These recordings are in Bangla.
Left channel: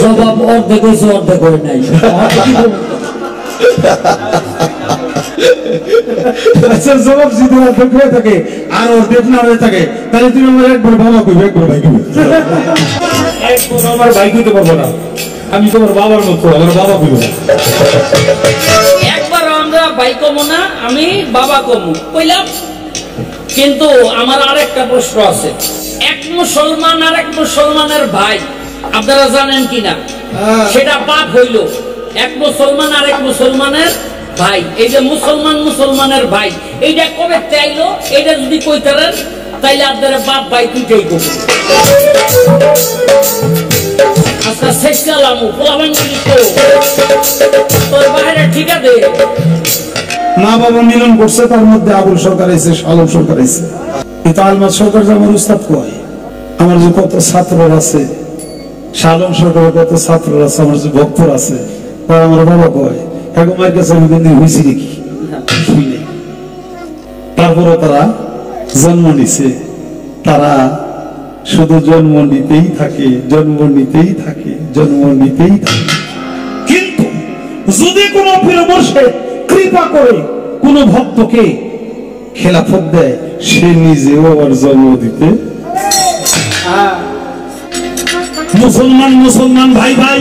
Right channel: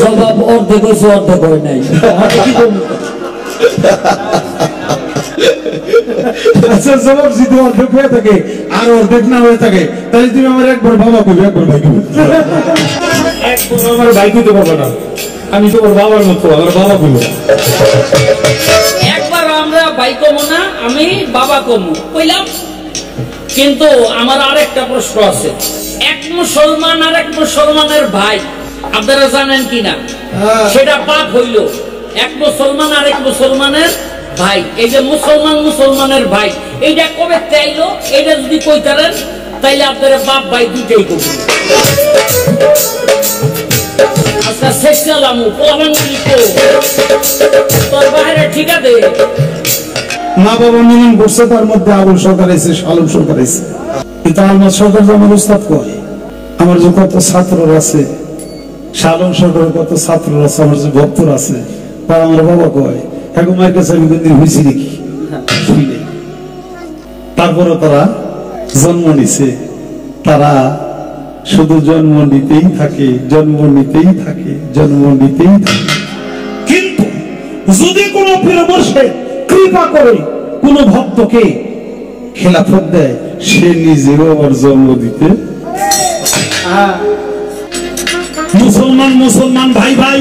জবাব অর্ধেক হয়েছে অর্ধেক করে নাই। আচ্ছা জবাব যদি অর্ধেক হয়ে থাকে আর অর্ধেক না হয়ে থাকে তাহলে তুমি আমার একবার বাবা কইবে একবার ভাই কইবে। একবার আমার ভাই কইতে পারবো না, আমি তোমার বাবার মতো আমার বাবা কইব। একবার আমরা ভাই কমু না, আমি বাবা কমু কইলাম। কিন্তু আমার আরেকটা প্রশ্ন আছে, এক মুসলমান আর এক মুসলমানের ভাই আপনারা জানেন কিনা? সেটা পাপ হইল। এক মুসলমান আর এক মুসলমানের ভাই, এই যে মুসলমান মুসলমানের ভাই, এইটা কবে চাইলো? এইটা যদি কইতারেন তাইলে আপনারা বাপ ভাই দুইটাই করবেন। আজকে শেষ গেলাম পোলাবান তোর বাইরে ঠিক আছে। মা বাবা মিলন করছে, তার মধ্যে আবুল সরকার আছে, আলম সরকার আছে। কিন্তু আলমাস সরকার যে আমার উস্তাদ কয়, আমার যে কত ছাত্র আছে, শালম সরকারের কত ছাত্র আছে, আমার যে ভক্তর আছে, তারা আমার বাবা কয় এখন মায়ের কাছে আমি কোনদিন হয়েছি দেখি শুই নেই। তারপরে তারা জন্ম নিছে, তারা শুধু জন্ম নিতেই থাকে, জন্ম নিতেই থাকে, জন্ম নিতেই থাকে। কিন্তু যদি কোনো পীর মুর্শিদ কৃপা করে কোন ভক্তকে খেলাফত দেয়, সে নিজেও আবার জন্ম দিতে। মুসলমান মুসলমান ভাই ভাই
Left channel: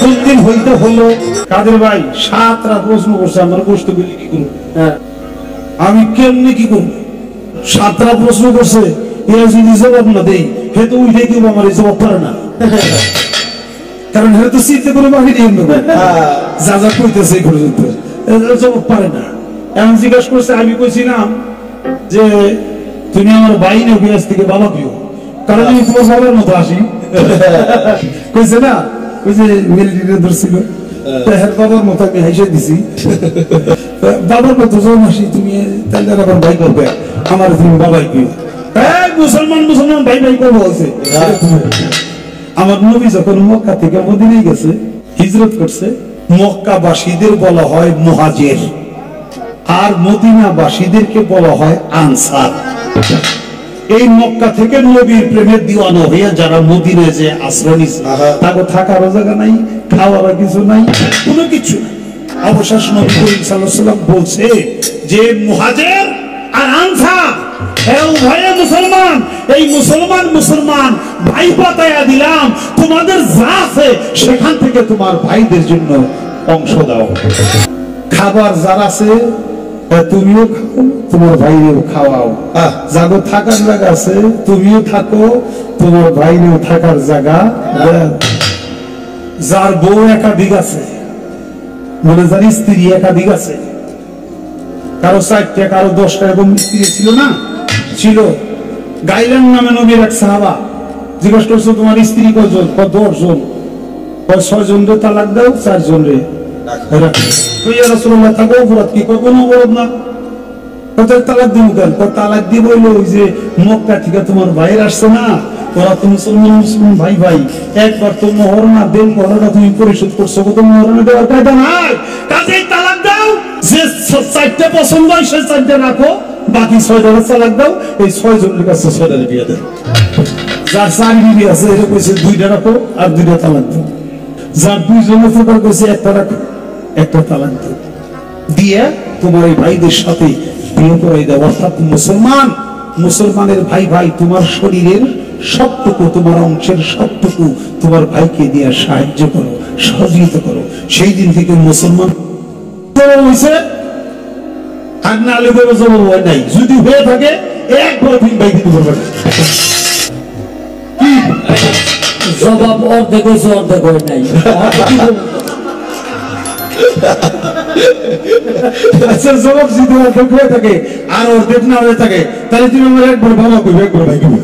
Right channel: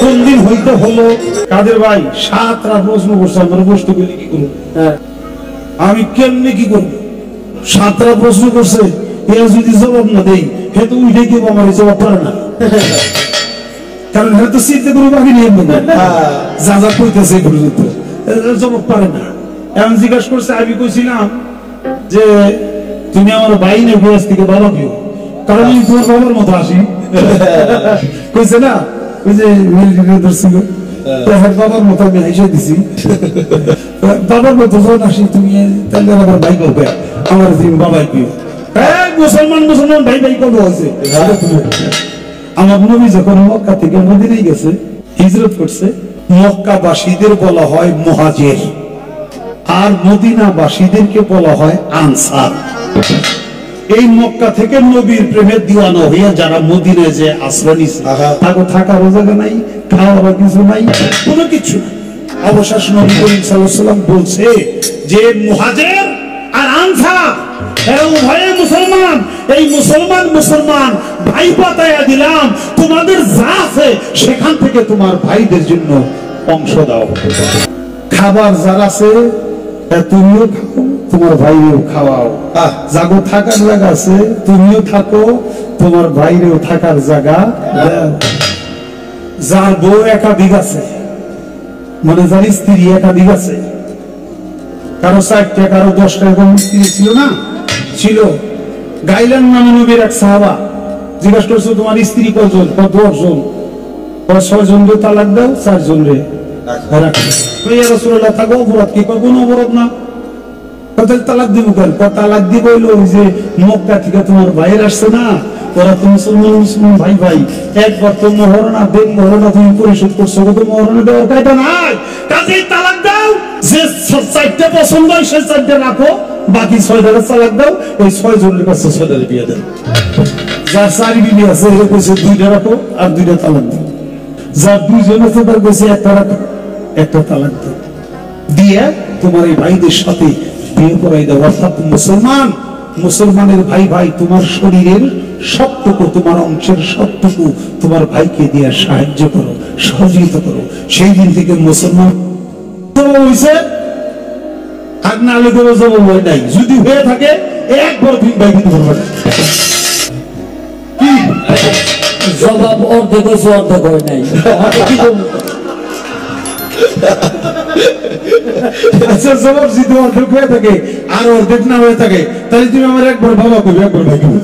কোন দিন হইতে হলো? কাদের ভাই 7টা প্রশ্ন করছে, আমরা বস্তু গুলি কি করবো, আমি কেমনি কি করবো? 7টা প্রশ্ন করছে, এরা যদি জবাব না দেই হে তো উঠে কেউ আমার জবাব পারে না, কারণ হে তো চিন্তা করে বাকি নিয়ে যা যা কইতেছে এই পর্যন্ত জবাব পারে না। এমন জিজ্ঞাসা করছে, আমি কইছিলাম যে তুমি আমার ভাই না বিয়াস থেকে বাবা কেউ, কারণ আমি তোমার বাবার মতো আসি। কইছে না ওই যে মিলিটারি ধরছিল, তাহার বাবার মতো আমি হাইসা দিছি, বাবার মতো যখন আসি তুমি তাহলে আবার ভাই করবে, আমার তুমি বাবাই কেউ। হ্যাঁ মুসলমান মুসলমান ভাই ভাই করবো হয়েছে। আমার নবী যখন মক্কা থেকে মদিনায় গেছে, হিজরত করছে, মক্কাবাসীদের বলা হয় মুহাজির আর মদিনাবাসীদেরকে বলা হয় আনসার। এই মক্কা থেকে নবীর প্রেমের দিওয়ানা হইয়া যারা মদিনায় যে আশ্রয় নিছে, তাকে থাকারও জায়গা নাই, খাওয়ারও কিছু নাই, কোনো কিছু নাই। অবশেষ নবী করিম সাল্লাল্লাহু আলাইহি ওয়াসাল্লাম বলছে যে মুহাজির আর আনসার এরা উভয়ে মুসলমান, এই মুসলমান মুসলমান ভাই পাতায়া দিলাম, তোমাদের যা আছে সেখান থেকে তোমার ভাইদের জন্য অংশ দাও। খাবার যার আছে তুমিও খাও, তোমার ভাইরেও খাওয়াও। জাগো থাকার জায়গা আছে তুমিও থাকো, তোমার ভাইরেও থাকার জায়গা দাও। যার বউ একাধিক আছে, মানে যার স্ত্রী একাধিক আছে, কারো 4টা কারো 10টা এরকম স্ত্রী ছিল না, ছিল। গাইলান নামে নবীর এক সাহাবা জিজ্ঞাসা করছো তোমার স্ত্রী কয়জন? 10 জন। 6 জন রে তালাক দাও, 4 জন রে রাখো। ইয়া রাসূলুল্লাহ থাকো অপরাধ কি? কোনো অপরাধ না। কত তালাক দিব কেন? তালাক দিব হইলো ওই যে মক্কা থেকে তোমার ভাইয়ের আসছে না, ওরা তো মুসলমান মুসলমান ভাই ভাই, একবার তো মহরনা দেন, মহরনা তুমি পরিশোধ করছো, কত মহরনা দেওয়ার কায়দা নাই, কাজেই তালাক দাও। যে 4টা পছন্দ হয় সেই 4টা রাখো, বাকি 6টা তালাক দাও। এই 6 জনের কাছে 6টা বিয়ে দেয়। যার 4 বিবি আছে এরা কইছে 2টা রাখো আর 2টা তালাক দাও। যার 2 জন আছে তার কইছে 1টা রাখো, 1টা তালাক দাও, দিয়ে তোমার এই ভাইদের সাথে বিয়ে করাই দাও। অর্থাৎ মুসলমান মুসলমানের ভাই ভাই, তোমার শরীরের সবটুকু, তোমার অংশের সবটুকু তোমার ভাইকে দিয়ে সাহায্য করো, সহযোগিতা করো। সেই দিন থেকে মুসলমান হয়েছে, আর না লোকের জবাব হয় নাই। যদি হয়ে থাকে একবার তুমি ভাই দিতে পারবে না। জবাব অর্ধেক হয়েছে অর্ধেক করে নাই। আচ্ছা জবাব যদি অর্ধেক হয়ে থাকে আর অর্ধেক না হয়ে থাকে তাহলে তুমি আমার একবার বাবা কইবে একবার ভাই কইবে।